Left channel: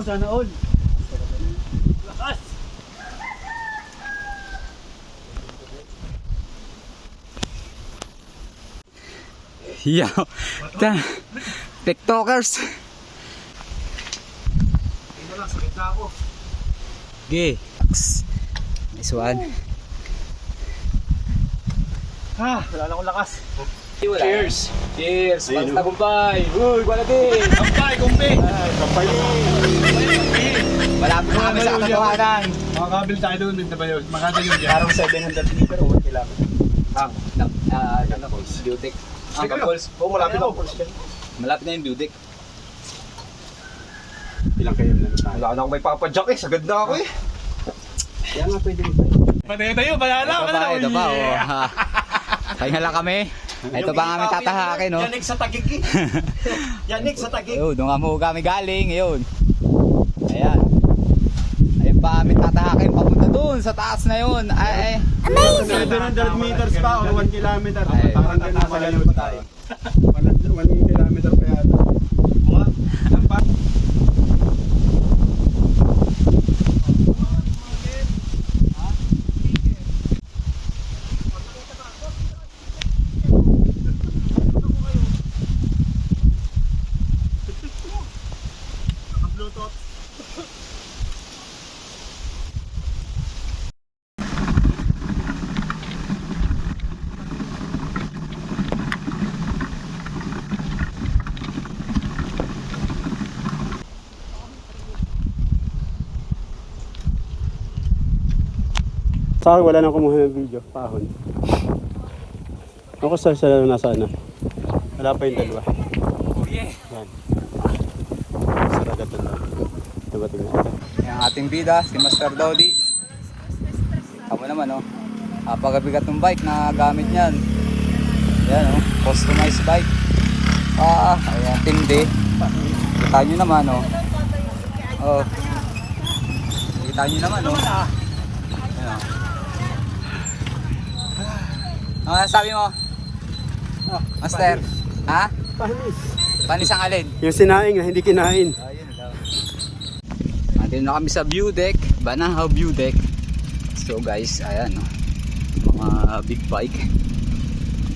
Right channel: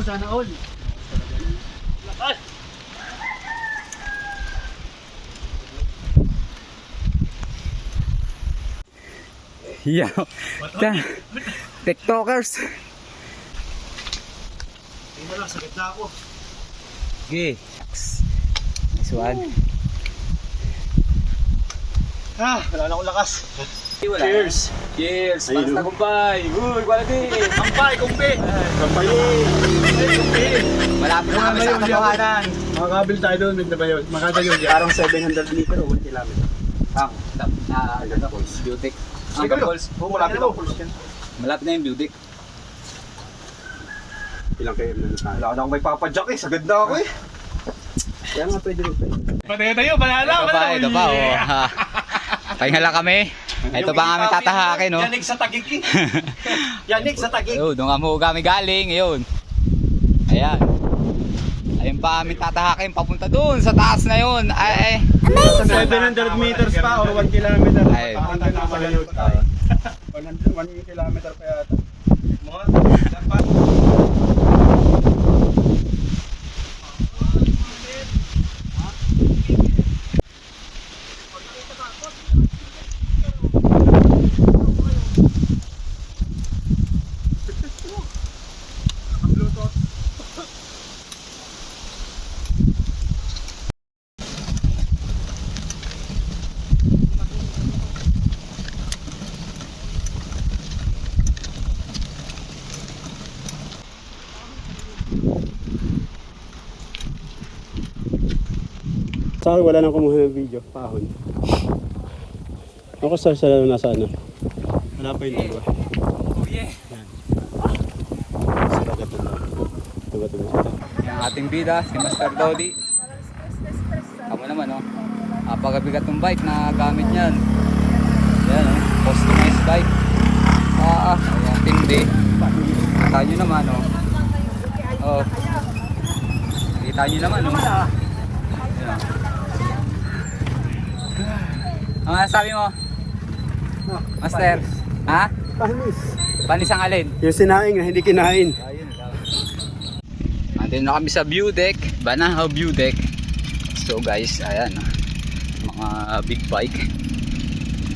Wow, sana all. Lakas! Yeah. TikTokers. Hindi na lang, sakit na ako. Okay. Nice one. Wala na akong lakas. Cheers! Cheers! Para sa tagumpay! Uy, wala din! Kampay, kumpi! Kampay! Malapit na kami sa katotohanan. Makakabil tayo doon, makakabil yun. Arang 700 meter o 1 kilometer. Boys, Beautic. Sige kayo. Oo, malapit ako. Malapit na yung Beautic. Ilang km na tayo? Wala na akong may papadyak eh. Sagad na ako eh. Kaya nga pwede rin tayo. Patay tayo, banala! Ito pa, oh. Pahinga lang kami. Ito pa ang aming tatahakin, no? Yanig sa tagig eh. Yanig sa tagig. Ayun, doon kami galing, ayun. Ayan. Ayun pa aming tatahakin, papunta doon sa taas na yun. Ay, 700 meters pa or 1 kilometer. Ay. Hanggang nasa ganun tayo. 1 kilometer pa yata. Mga, sa akin wala nang kumuha ng video, pahon. Ako sa nasa ano. Wala pa yung dalawa. oh yeah. Yan. Sa dagatan lang. Dumating na ito. Ang ating bida, si Master Dodi. Ako naman, oh. Napakabigat ng bike na gamit niyan. Yan, oh. Customized bike. Tindi. Kita nyo naman, oh. Oh. Kita nyo naman, oh. Yan, oh. Ano sabi mo? Master? Ha? Pahinis. Panis ang alin? Yung sinaing na hindi kinain. Ayun lang. Andun na kami sa view deck, Banahaw view deck. So guys, ayan, mga big bike.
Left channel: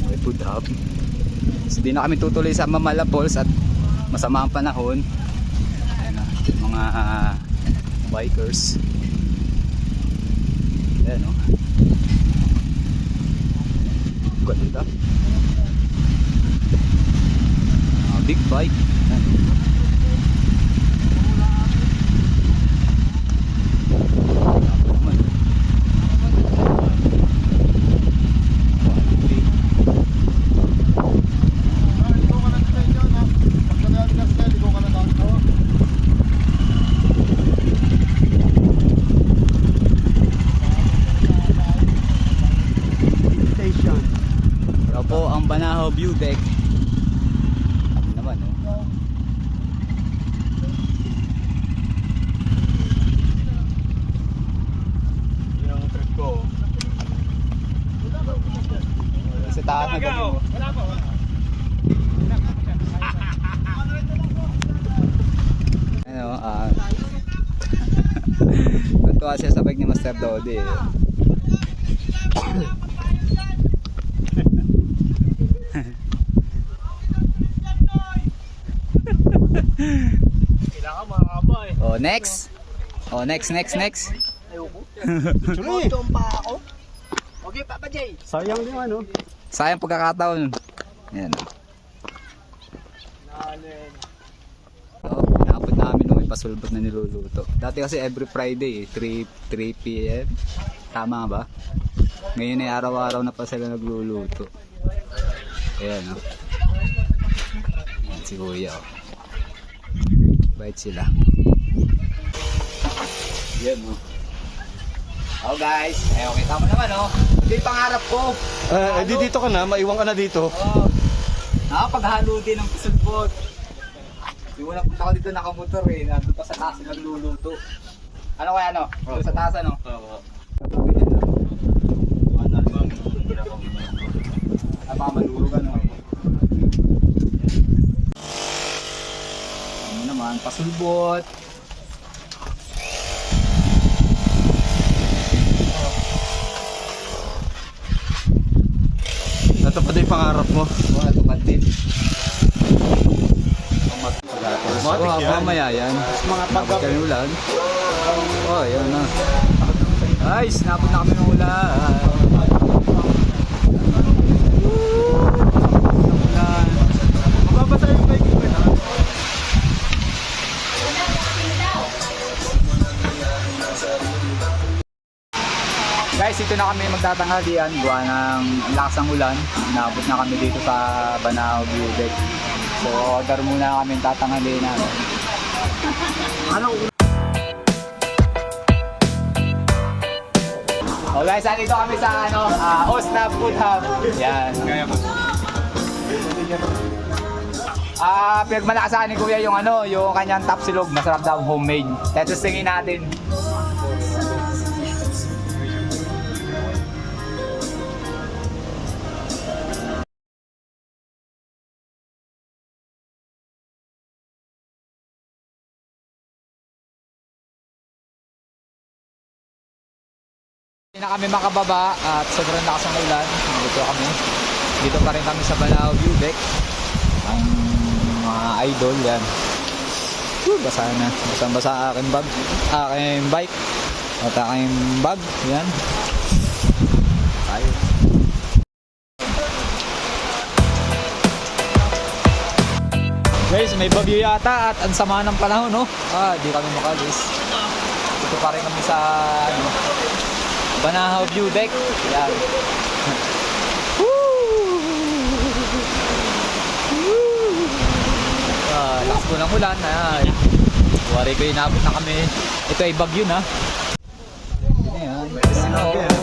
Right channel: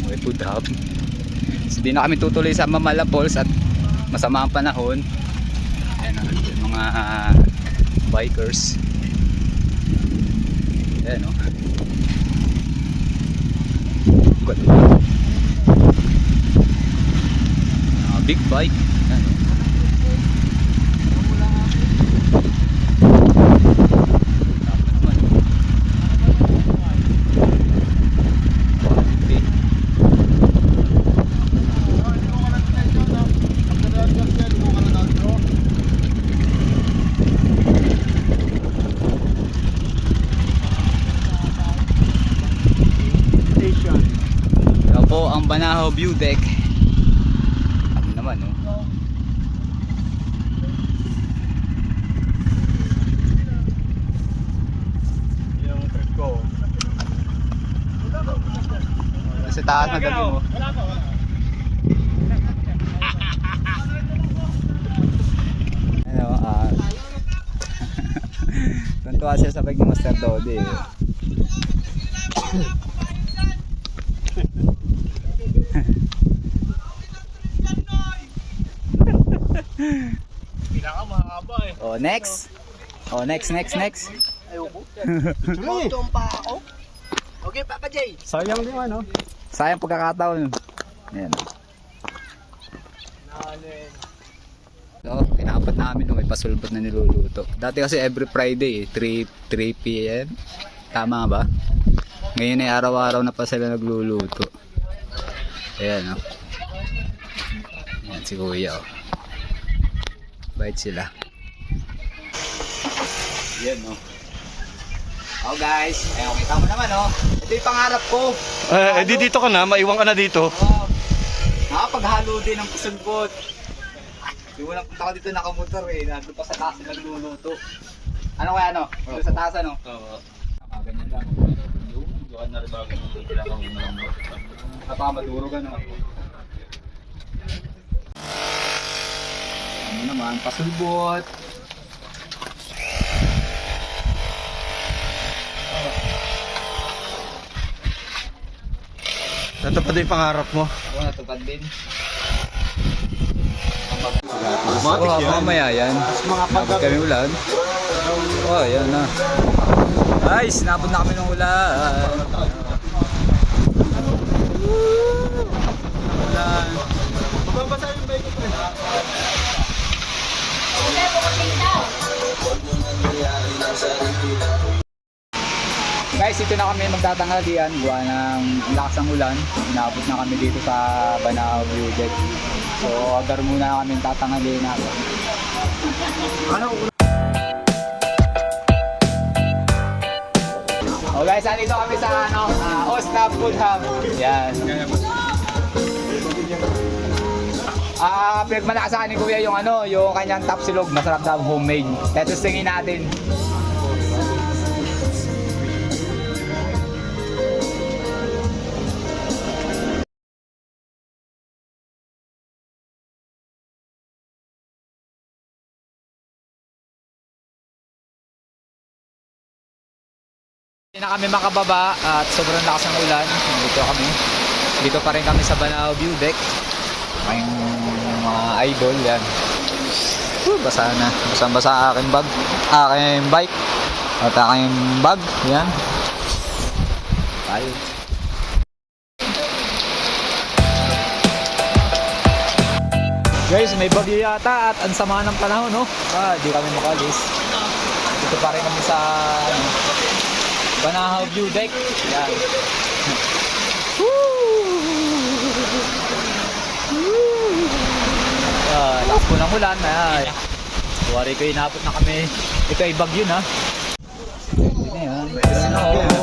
May food hub. So di na kami tutuloy sa Mamala Falls at masama ang panahon. Ayan, yung mga bikers. Ayan, big bike. Ayan, ito po ang Banahaw view deck. Ano naman, oh. Yun ang trip ko. Sa taas na gabi mo. Ano, natuwa siya sa bike ni Master Dodi. Kailangan mahaba eh. Oh, next. Oh, next. Ayoko. Tuloy pa ako. Okay, Papa J. Sayang din ano. Sayang pagkakataon. Ayan. So, pinapad namin, may pasulbot na niluluto. Dati kasi every Friday, 3 p.m. Tama ba? Ngayon ay araw-araw na pa sila nagluluto. Ayan, oh. Ayan si Kuya, oh. Bait sila. Ayan, oh. Oh guys, ayun, kita mo naman, oh. Ito yung pangarap ko. Di dito ka na, maiwan ka na dito. Oh, nakapaghalo din ng pasulbot. Yung unang punta ko dito nakamotor eh, nandun pa sa taas nagluluto. Ano kaya ano? Doon sa taas ano? Oo. Baka malurog ano. Ano naman, pasulbot. natupad yung pangarap mo. Natupad din. Matik yan. Mamaya yan. Mga Napot kami ulan. Oh, yan na. Guys, napot na kami ng ulan. Ulan. Mababasa yung bike. Guys, ito na kami magtatanghalian. Gawa ng lakas ng ulan. Naabot na kami dito sa Banao View Deck. So, order muna kami tatanghalian namin. Ano? Oh guys, andito kami sa Osnab Food Hub. Yan. Pinagmalakasan ni Kuya yung yung kanyang tapsilog, masarap daw homemade. Let's tingin natin. Hindi na kami makababa at sobrang lakas ng ulan. Dito pa rin kami sa Banao View Deck. Aking mga idol yan. Basa na. Basang-basa aking bag. Aking bike. At aking bag. Yan. Tayo. Guys, may bagyo yata at ang sama ng panahon, no? Di kami makalis. Dito pa rin kami sa Banao View Deck. Yan. Lakas po ng ulan. Ay. Wari ko inabot na kami. Ito ay bagyo na. Ayan.